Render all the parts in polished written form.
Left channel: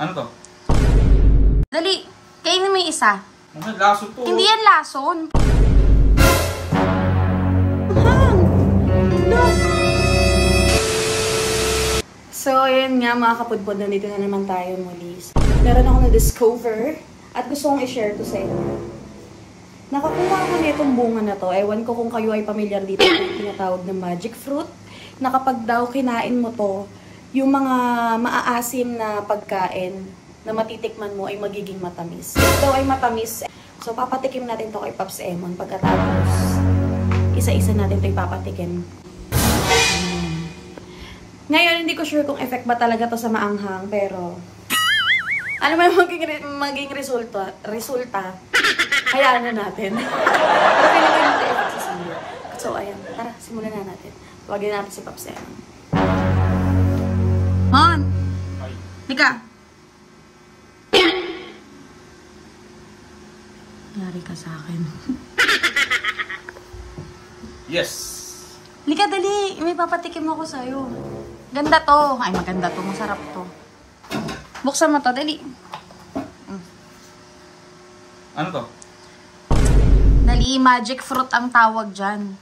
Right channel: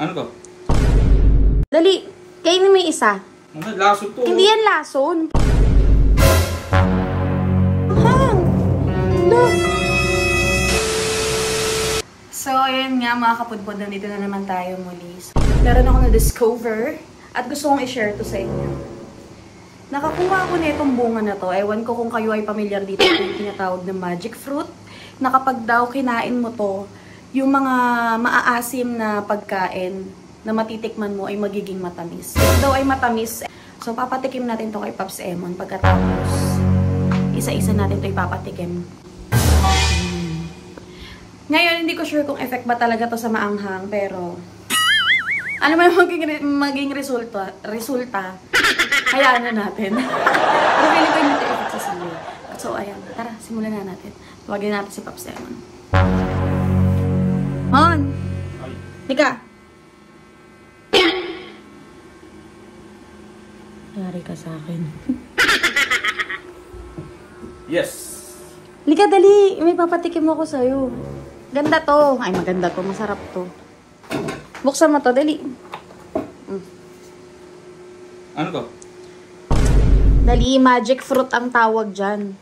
Ano to? Dali, kainin mo yung isa. Mga lason to. Hindi yan lason. Hang! Look! So, ayun nga mga kapudpod, nandito na naman tayo muli. Meron ako na-discover at gusto kong i-share to sa inyo. Nakakuha ko nitong bunga na to. Ewan ko kung kayo ay pamilyar dito kung tinatawag na magic fruit. Na kapag daw kinain mo to, yung mga maaasim na pagkain na matitikman mo ay magiging matamis. Ito ay matamis. So, papatikim natin to kay Pops Emon. Pagkatapos, isa-isa natin to ipapatikim. Ngayon, hindi ko sure kung effect ba talaga to sa maanghang, pero ano ba yung maging resulta? Kailangan natin. So, ayun. Tara, simulan na natin. Tawagin natin si Pops Emon. Mon! Tika! Nari ka sa akin. Yes! Lika, dali! May papatikim ako sa'yo. Ganda to. Ay, maganda to. Masarap to. Buksan mo to, dali. Ano to? Dali, magic fruit ang tawag dyan.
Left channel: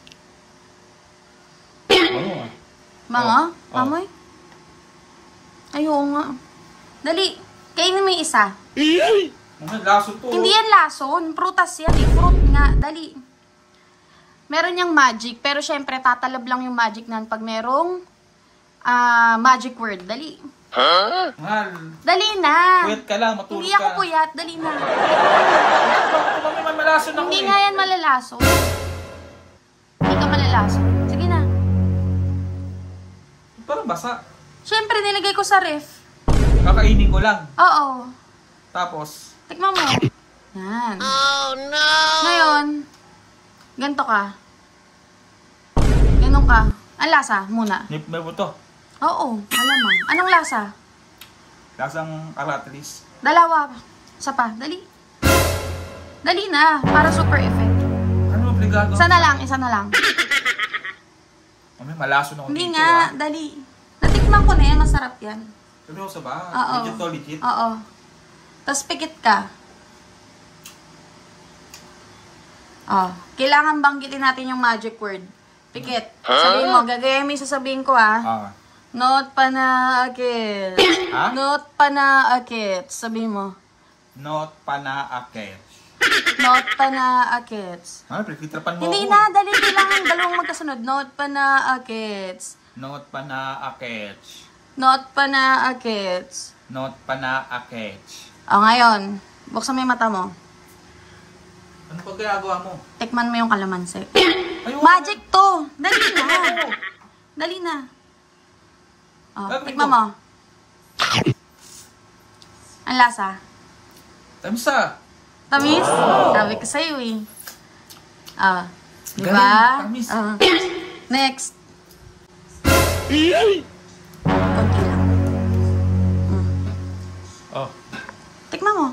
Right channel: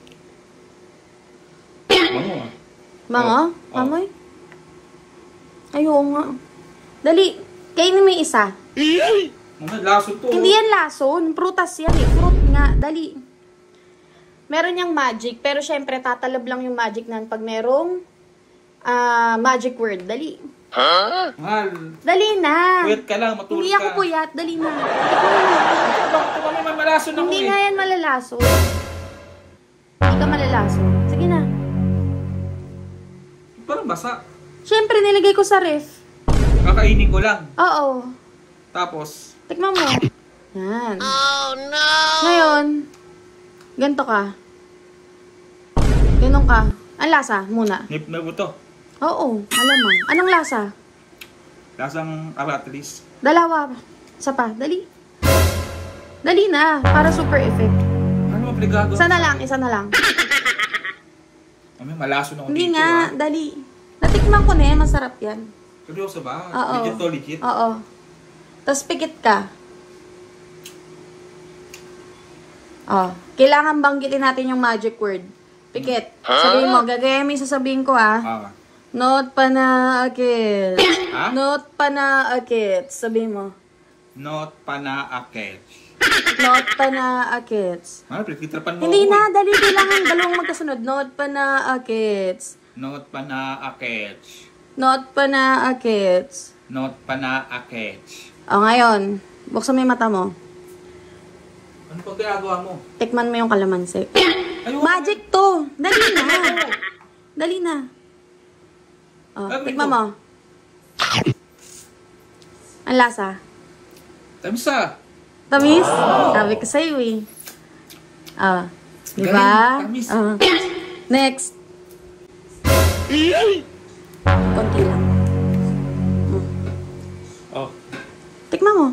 Mga? Mamoy? Ayaw nga. Dali, kainin mo yung isa. Mga lason to. Hindi yan lason. Prutas yan eh. Fruit nga. Dali. Meron yung magic, pero syempre tatalab lang yung magic nan pag merong magic word. Dali. Huh? Mahal. Dali na. Wait ka lang, matulog ka. Hindi ako puyat. Dali na. Hindi nga yan malalason. Hindi ka malalason. Sige na. Parang basa. Syempre, nilagay ko sa ref. Kakainin ko lang. Oo. Tapos? Tikman mo. Yan. Oh, no! Ngayon, ganito ka. Ganon ka. Ang lasa muna. Nip na buto. Oo, malamang. Anong lasa? Lasang aratilis. Dalawa. Isa pa. Dali. Dali na. Para super effect. Ano ang pligado? Isa na lang. Isa na lang. Ano, malaso na ako Hindi dito. nga. Dali. Natikman ko na yan. Masarap yan. Pwede ko sa ba? Oo. Legit to, legit. Oo. Tapos pikit ka. Oh. Kailangan banggitin natin yung magic word. Pikit. Sabihin mo. Gagaya mo yung sasabihin ko ah. Not panaakit. Ha? Not panaakit. Sabihin mo. Not panaakit. Not panaakit. Ano, pre-fitrapan mo Hindi ako na. eh. Dali. Kailangan dalawang magkasunod. Not panaakit. Not panaakit. Not panaakit. Not panaakit. O ngayon. Buksan mo yung mata mo. Ano pag ginagawa mo? Tikman mo yung kalamansi. Ayun. Magic to. Dali na. Dali na. Oh, tikman mo. Ang lasa. Tamsa. Tamis? Sabi ko sa'yo eh. Ah. Diba? Tamis. Next. Konti lang. Oh. Tikman mo.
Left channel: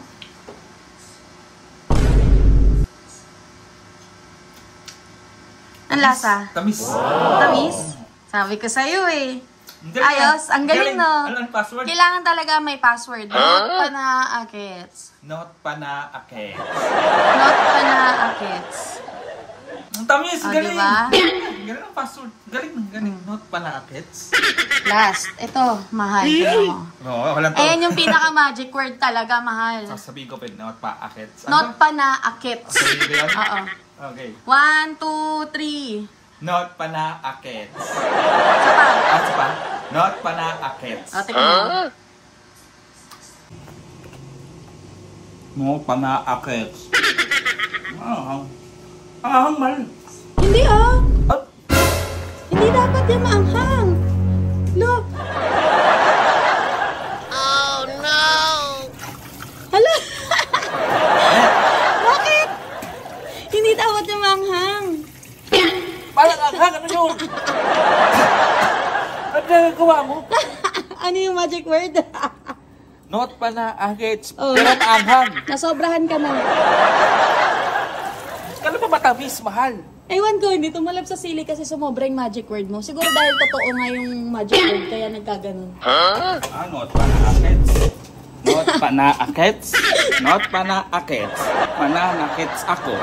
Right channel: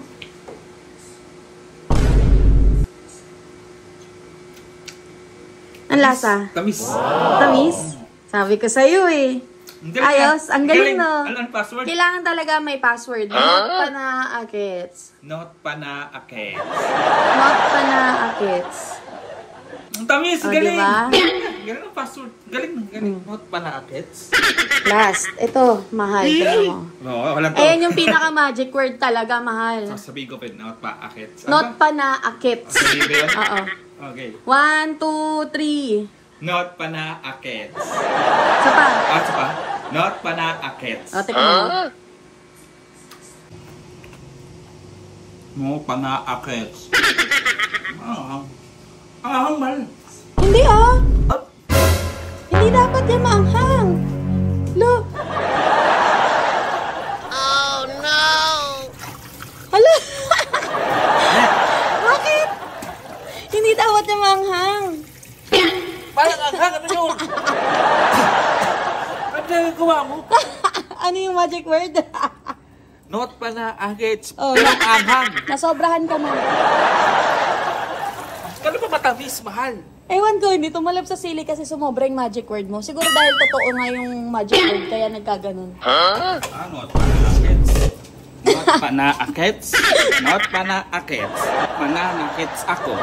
Ang lasa. Tamis. Tamis? Sabi ko sa'yo eh. Ayos, ang galing no. Ano ang password? Kailangan talaga may password. Not panaakits. Not panaakit. Not panaakits. Ang tamis, O, galing. diba? Galing ang password. Galing. Not panaakit. Last. Ito, mahal. Tignan mo. Oo, walang to. Ayan yung pinaka-magic word talaga, mahal. Sasabihin ko pa, not panaakit. Not panaakits. Oo. Okay. 1, 2, 3. Not panaakit. Isa pa. At pa? Not panaakit. O, tignan mo. No panaakit. Ang mal. Hindi ah. Hindi dapat yan maanghang. Look. Oh, no! Hala. Bakit? Hindi dapat yan maanghang. Parang anghang, ano yun? Ano nagagawa mo? Ano yung magic word? Not panaakit. Oh, Pero anghang. nasobrahan ka na. Kano pa matamis, mahal? Ewan ko, hindi tumalab sa sili kasi sumobra yung magic word mo. Siguro dahil totoo nga yung magic word, kaya nagkaganon. Not panaakit. Not panaakits. Not panaakits. Mananakits ako.